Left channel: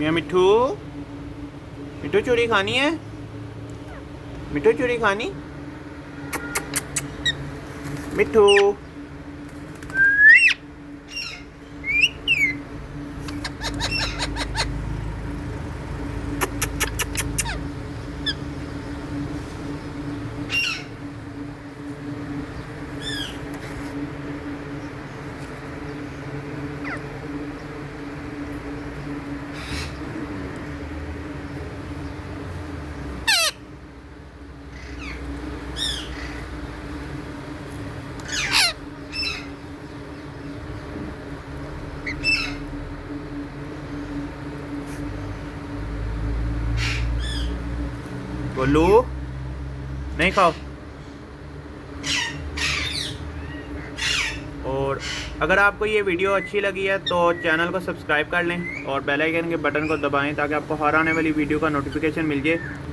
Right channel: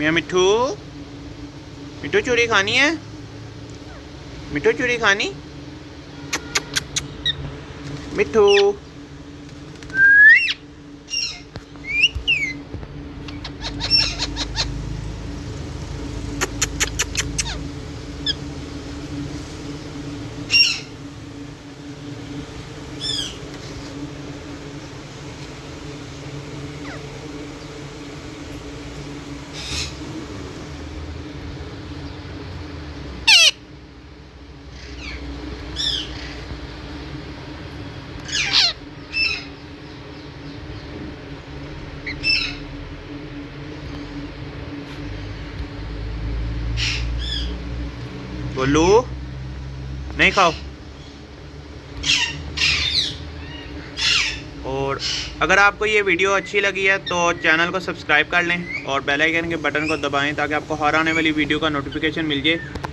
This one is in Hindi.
मियाँ मिठू, मिठू चूरी खानी है? मिठू चूरी खानी? मिठू गोलू नहीं खाओ। और अगर आपको ये वीडियो अच्छी लगी है तो चैनल को सब्सक्राइब कर लें और बेल आइकन के बटन को दबाएं ताकि आपको हर आने वाली वीडियो का नोटिफिकेशन मिल जाए।